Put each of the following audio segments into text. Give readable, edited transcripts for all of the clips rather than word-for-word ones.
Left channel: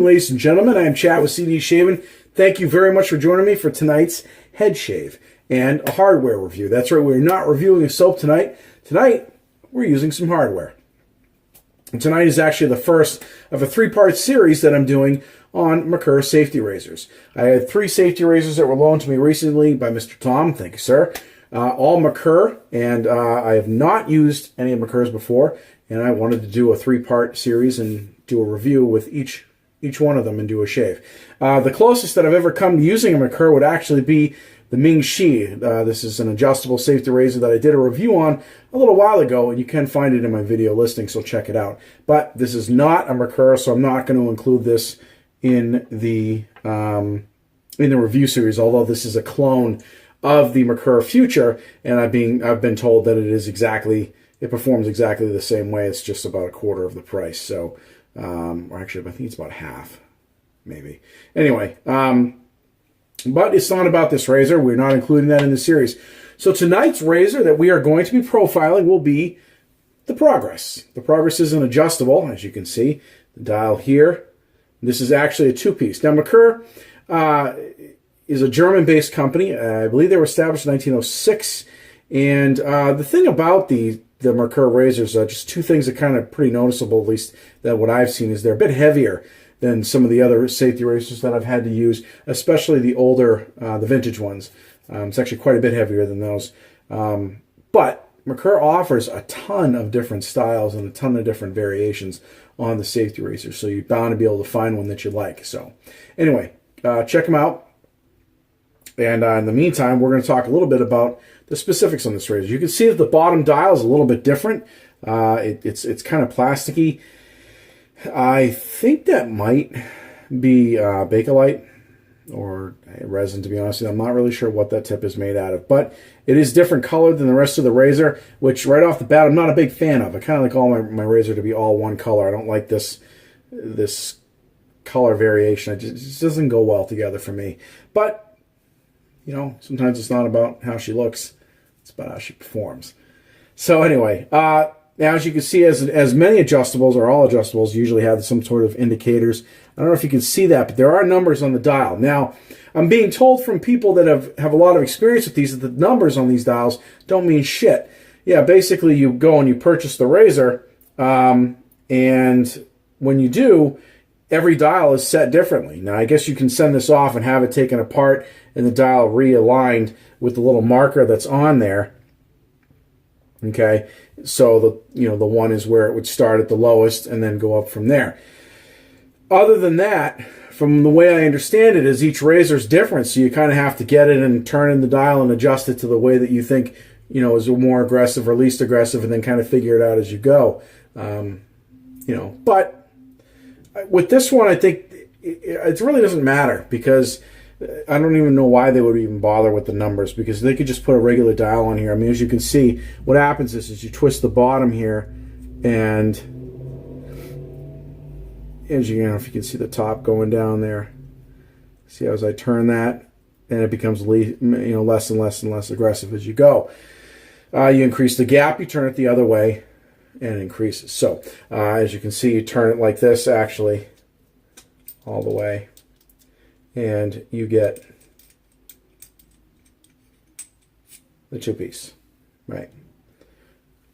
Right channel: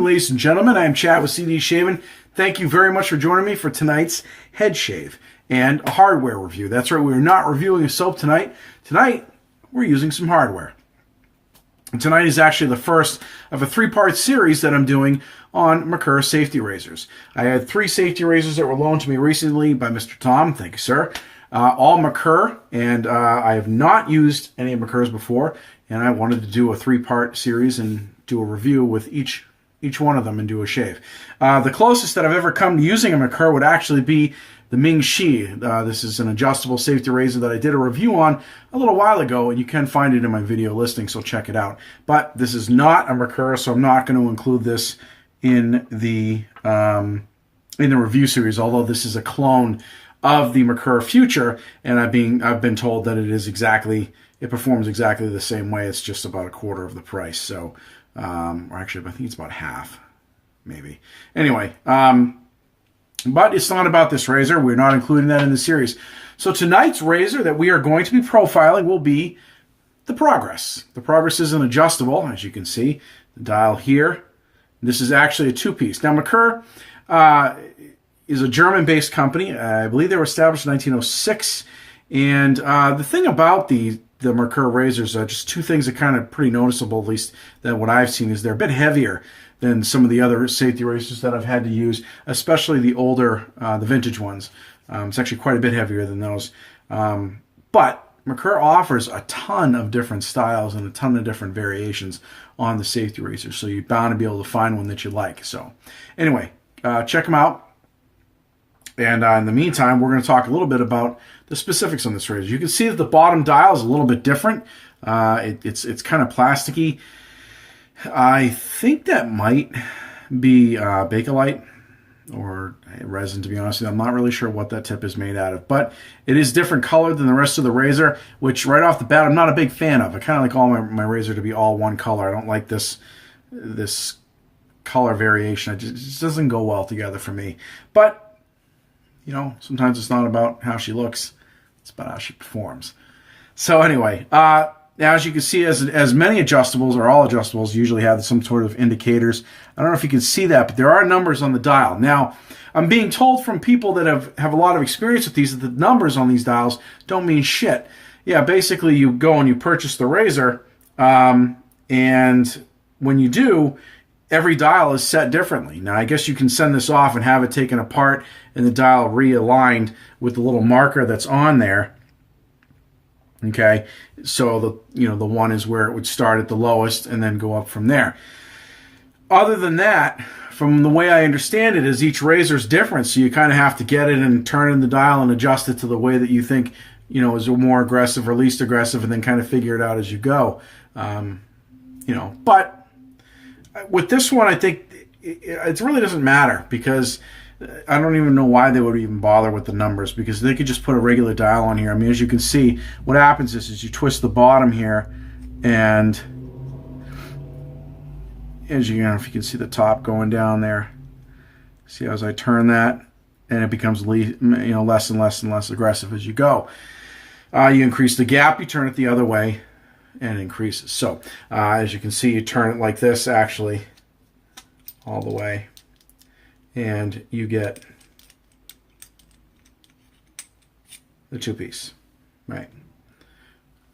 evening, ladies and gentlemen. I am Chad with CD Shaving. Thank you very much for joining me for tonight's head shave and a hardware review. That's right, we're not reviewing a soap tonight. Tonight, we're using some hardware. And tonight is actually the first of a three-part series that I'm doing on Merkur safety razors. I had 3 safety razors that were loaned to me recently by Mr. Tom. Thank you, sir. All Merkur, and I have not used any of Merkur's before, and I wanted to do a 3-part series and do a review with each one of them and do a shave. The closest that I've ever come to using a Merkur would actually be the Ming Shi. This is an adjustable safety razor that I did a review on a little while ago, and you can find it in my video listing, so check it out. But this is not a Merkur, so I'm not going to include this in the review series, although this is a clone of the Merkur Future, and I've been told that it performs exactly the same way. It's just about a quarter of the price. So, or actually, I think it's about half, maybe. Anyway, but it's not about this razor. We're not including that in the series. So tonight's razor that we are going to be profiling will be the Progress. The Progress is an adjustable, as you can see. The dial here. This is actually a 2-piece. Now, Merkur is a German-based company. I believe they were established in 1906. And the thing about the Merkur razors, just 2 things that kind of pretty noticeable, at least that what I've seen, is they're a bit heavier than some of the other safety razors that I've had to use, especially the older, the vintage ones. It's actually quite a bit heavier than those. But Merkur offers a ton of different styles and a ton of different variations on the safety razors, so you're bound to be able to find one that you like. So anyway, check them out. And in the meantime, we're going to talk a little bit about the specifics on this razor. You can see that the bottom dial is a little bit different. It's kind of plasticky. I think that might be Bakelite or resin, to be honest with you. I'm not really sure what that tip is made out of, but it is different colored than the rest of the razor, which right off the bat I'm not a big fan of. I kind of like all my razor to be all one color. I don't like this color variation. It just doesn't go well together for me. But you know, sometimes it's not about how she looks, it's about how she performs. So anyway, now as you can see, as many adjustables, or all adjustables, usually have some sort of indicators. I don't know if you can see that, but there are numbers on the dial. Now, I'm being told from people that have a lot of experience with these that the numbers on these dials don't mean shit. Yeah, basically you go and you purchase the razor, and when you do, every dial is set differently. Now, I guess you can send this off and have it taken apart and the dial realigned with the little marker that's on there. Okay, so the one is where it would start at the lowest and then go up from there. Other than that, from the way I understand it, is each razor is different, so you kind of have to get it and turn in the dial and adjust it to the way that you think, is more aggressive or least aggressive, and then kind of figure it out as you go. But with this one, I think it really doesn't matter, because I don't even know why they would even bother with the numbers, because they could just put a regular dial on here. I mean, as you can see, what happens is you twist the bottom here, and as you know, if you can see the top going down there, see as I turn that, and it becomes less and less and less aggressive as you go. You increase the gap, you turn it the other way, and it increases. So as you can see, you turn it like this, actually, all the way, and you get the 2-piece, right?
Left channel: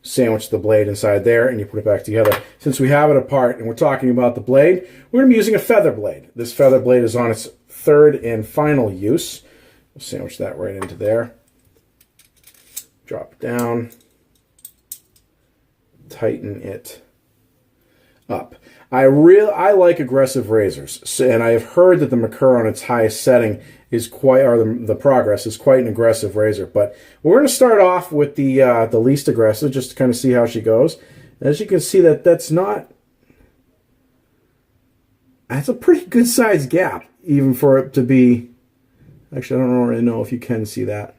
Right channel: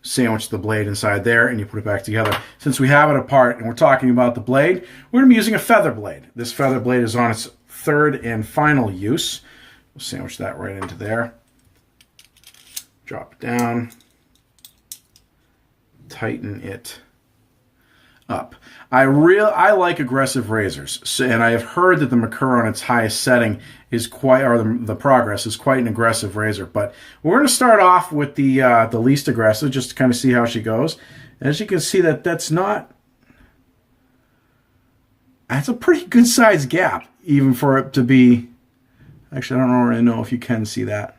Sandwich the blade inside there, and you put it back together. Since we have it apart and we're talking about the blade, we're going to be using a feather blade. This feather blade is on its 3rd and final use. We'll sandwich that right into there. Drop it down. Tighten it up. I like aggressive razors, and I have heard that the Merkur on its highest setting is the Progress is quite an aggressive razor. But we're going to start off with the least aggressive, just to kind of see how she goes. As you can see, that's a pretty good sized gap, even for it to be. Actually, I don't really know if you can see that.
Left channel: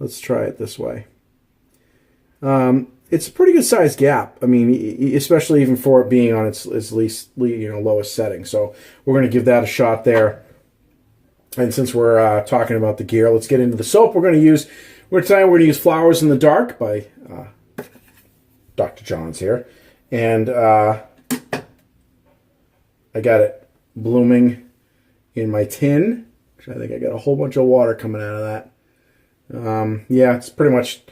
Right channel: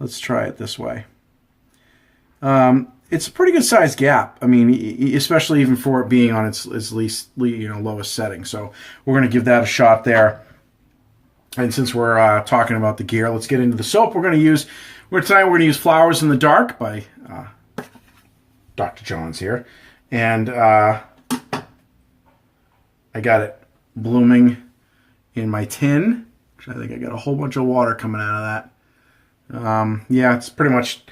Let's try it this way. It's a pretty good sized gap. I mean, especially even for it being on its least, lowest setting. So we're going to give that a shot there. And since we're talking about the gear, let's get into the soap we're going to use. Tonight we're going to use Flowers in the Dark by Dr. John's here. And I got it blooming in my tin. I think I got a whole bunch of water coming out of that. Yeah, it's pretty much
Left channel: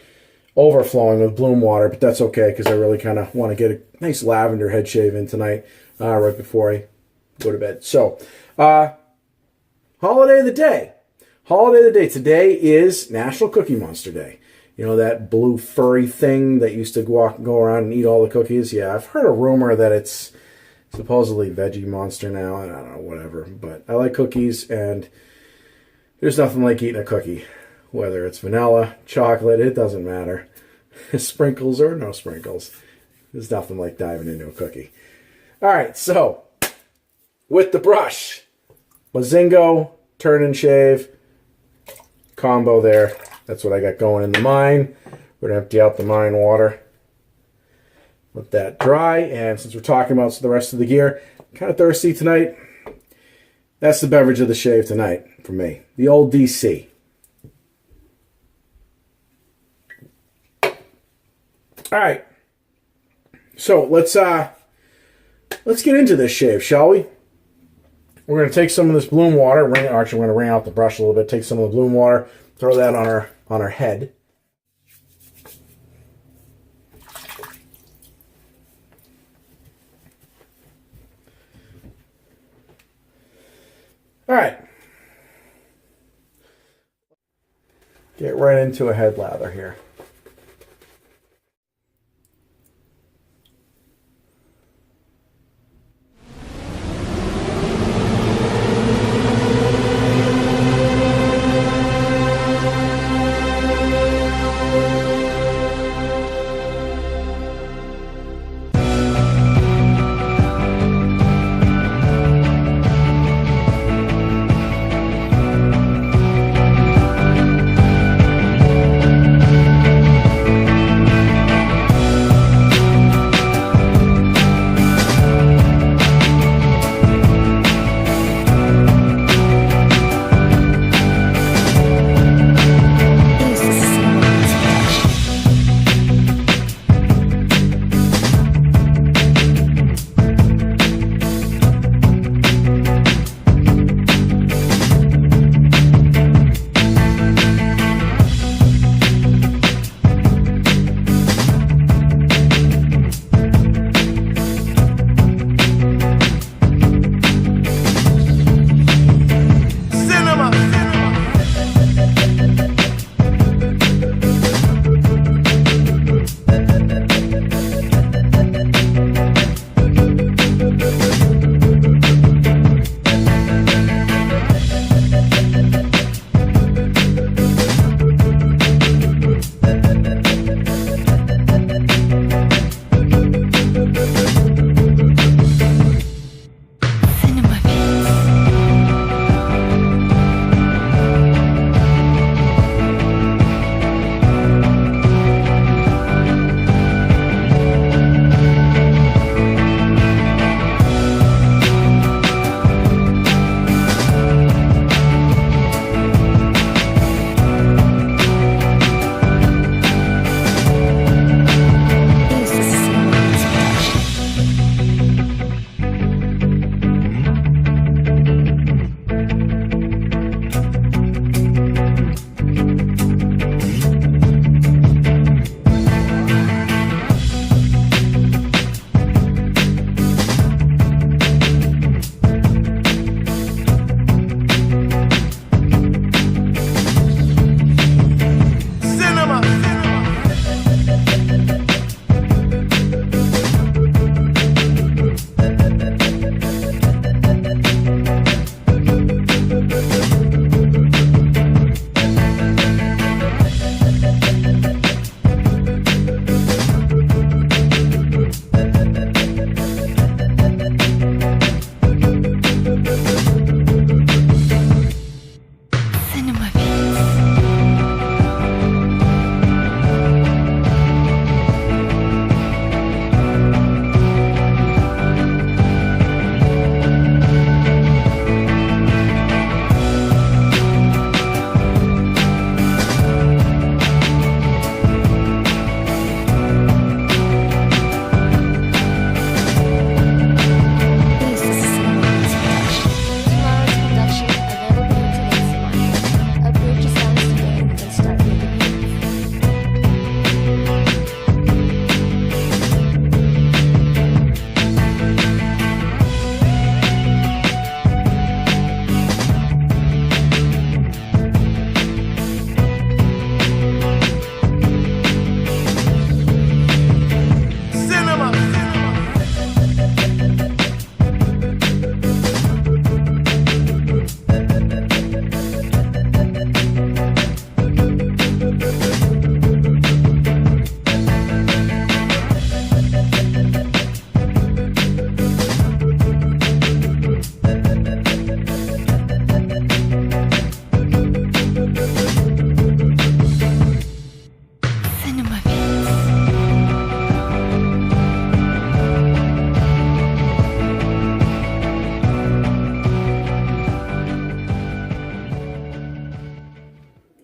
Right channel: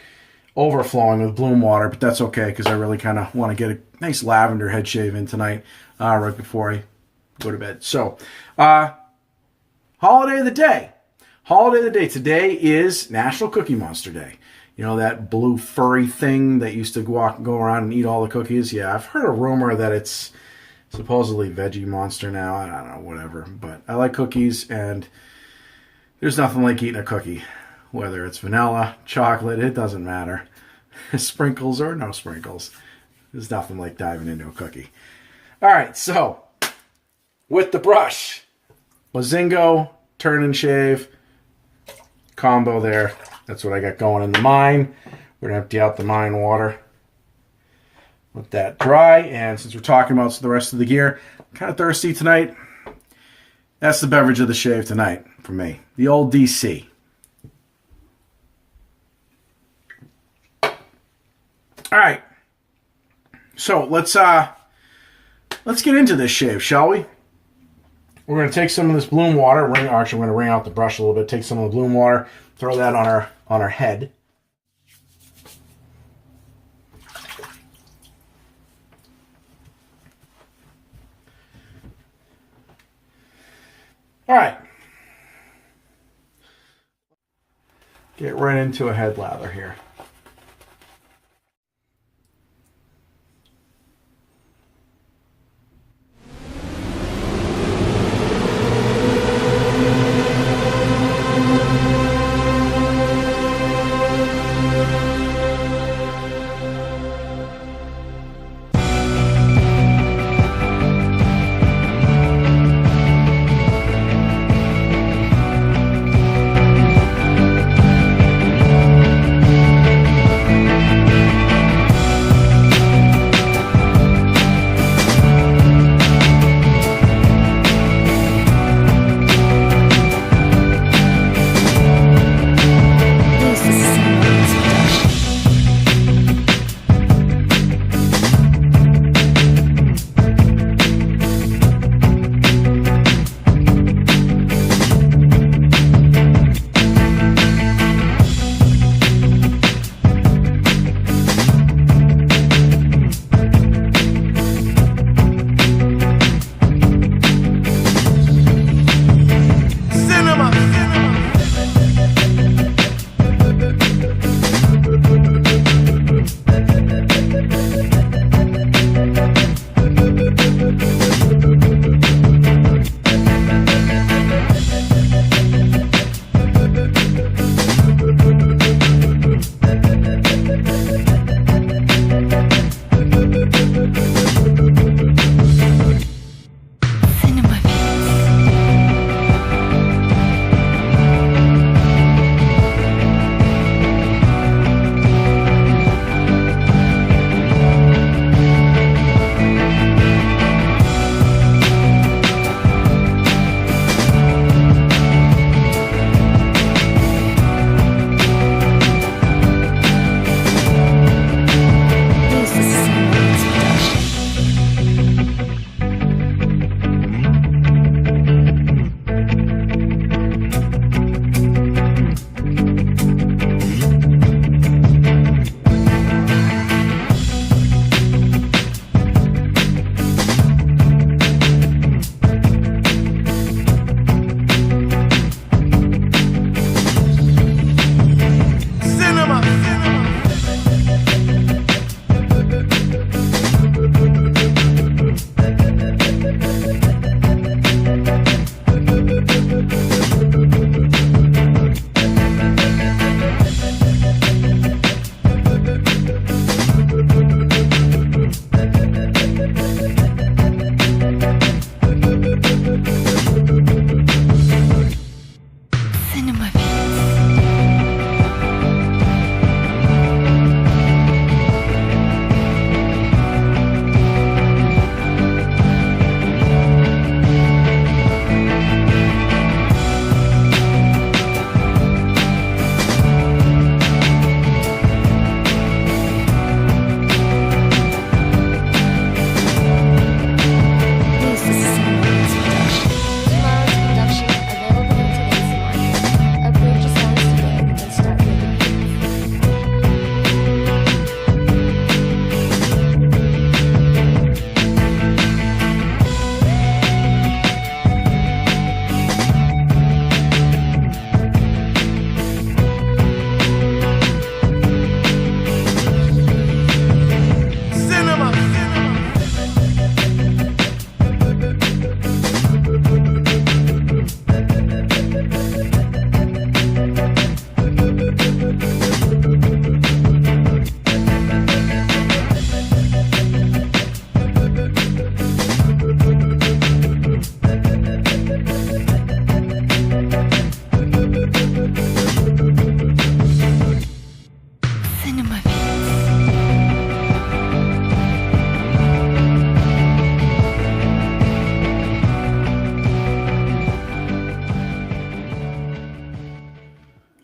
overflowing with bloom water, but that's okay because I really kind of want to get a nice lavender head shave in tonight, right before I go to bed. So, holiday of the day. Holiday of the day. Today is National Cookie Monster Day. You know, that blue furry thing that used to go around and eat all the cookies? Yeah, I've heard a rumor that it's supposedly Veggie Monster now. I don't know, whatever. But I like cookies, and there's nothing like eating a cookie. Whether it's vanilla, chocolate, it doesn't matter. Sprinkles or no sprinkles. There's nothing like diving into a cookie. All right, so with the brush, Mozingo, turn and shave combo there. That's what I got going in the mine. We're going to empty out the mine water. Let that dry. And since we're talking about the rest of the gear, I'm kind of thirsty tonight. That's the beverage of the shave tonight for me. The old DC. All right. So let's get into this shave, shall we? We're going to take some of this bloom water. Actually, we're going to wring out the brush a little bit. Take some of the bloom water. Throw that on our head. All right. Get right into a head lather here.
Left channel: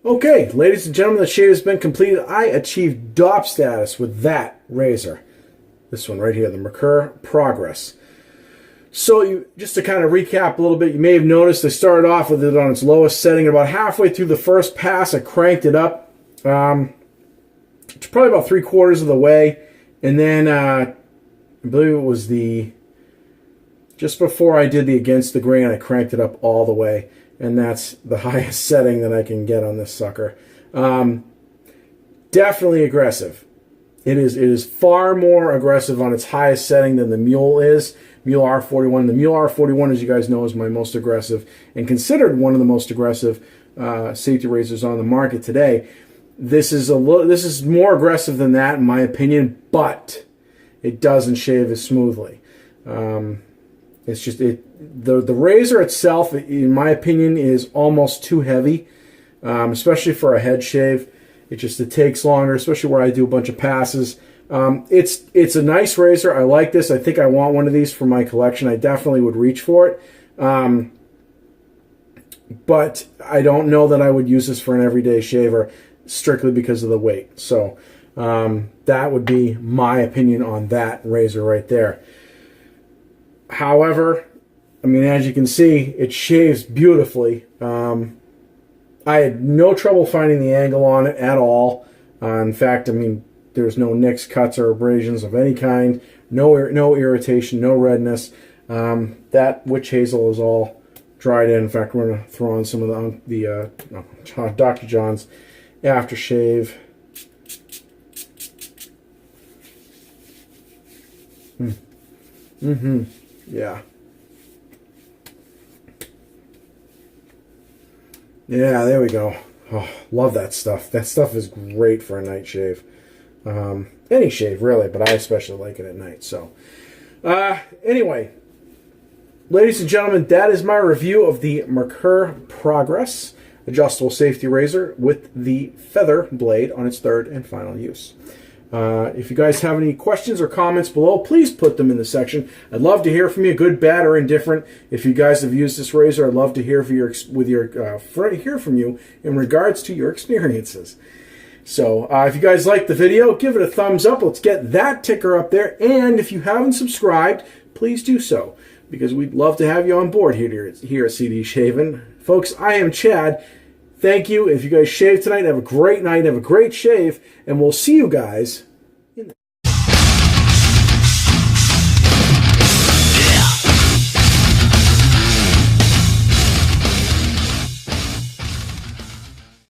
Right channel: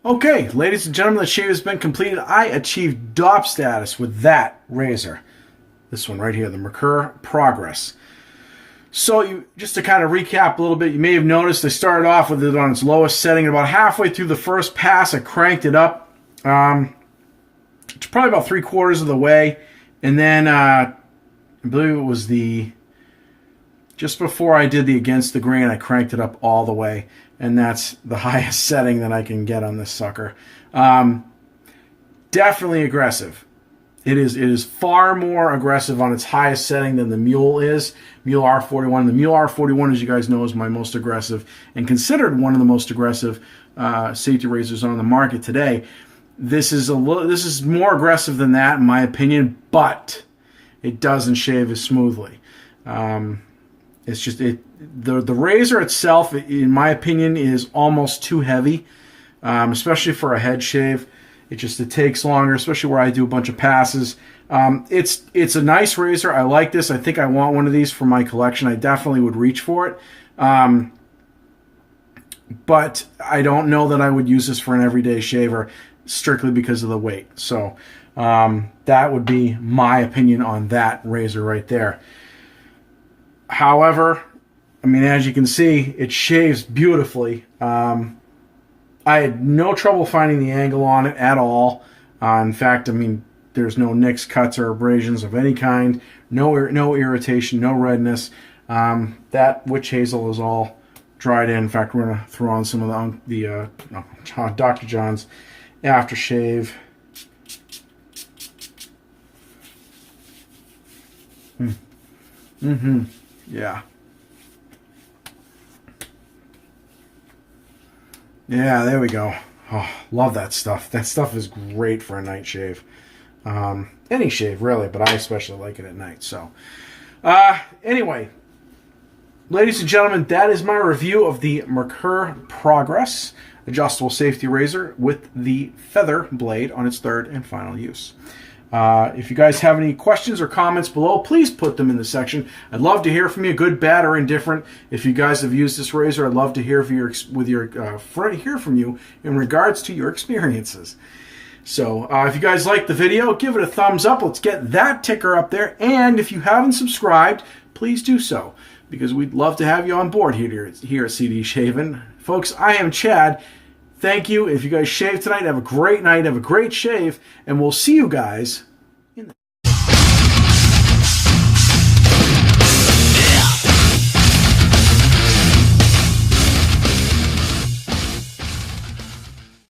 Okay, ladies and gentlemen, the shave has been completed. I achieved DOP status with that razor. This one right here, the Merkur Progress. So just to kind of recap a little bit, you may have noticed I started off with it on its lowest setting. About halfway through the first pass, I cranked it up. It's probably about 3/4 of the way. And then I believe it was just before I did the against the grain, I cranked it up all the way. And that's the highest setting that I can get on this sucker. Definitely aggressive. It is far more aggressive on its highest setting than the Mule is. Mule R41. The Mule R41, as you guys know, is my most aggressive and considered one of the most aggressive safety razors on the market today. This is more aggressive than that, in my opinion, but it doesn't shave as smoothly. It's just the razor itself, in my opinion, is almost too heavy, especially for a head shave. It takes longer, especially where I do a bunch of passes. It's a nice razor. I like this. I think I want one of these for my collection. I definitely would reach for it. But I don't know that I would use this for an everyday shaver strictly because of the weight. So that would be my opinion on that razor right there. However, I mean, as you can see, it shaves beautifully. I had no trouble finding the angle on it at all. In fact, I mean, there's no nicks, cuts, or abrasions of any kind. No irritation, no redness. That witch hazel is all dried in. In fact, we're going to throw on some of the Dr. John's aftershave. Yeah. Yeah, there we go. Oh, love that stuff. That stuff is great for a night shave. Any shave, really, but I especially like it at night. So, anyway, ladies and gentlemen, that is my review of the Merkur Progress adjustable safety razor with the feather blade on its third and final use. If you guys have any questions or comments below, please put them in the section. I'd love to hear from you, good, bad, or indifferent. If you guys have used this razor, I'd love to hear from you in regards to your experiences. So if you guys like the video, give it a thumbs up. Let's get that ticker up there. And if you haven't subscribed, please do so, because we'd love to have you on board here at CD Shaving. Folks, I am Chad. Thank you. If you guys shave tonight, have a great night, have a great shave, and we'll see you guys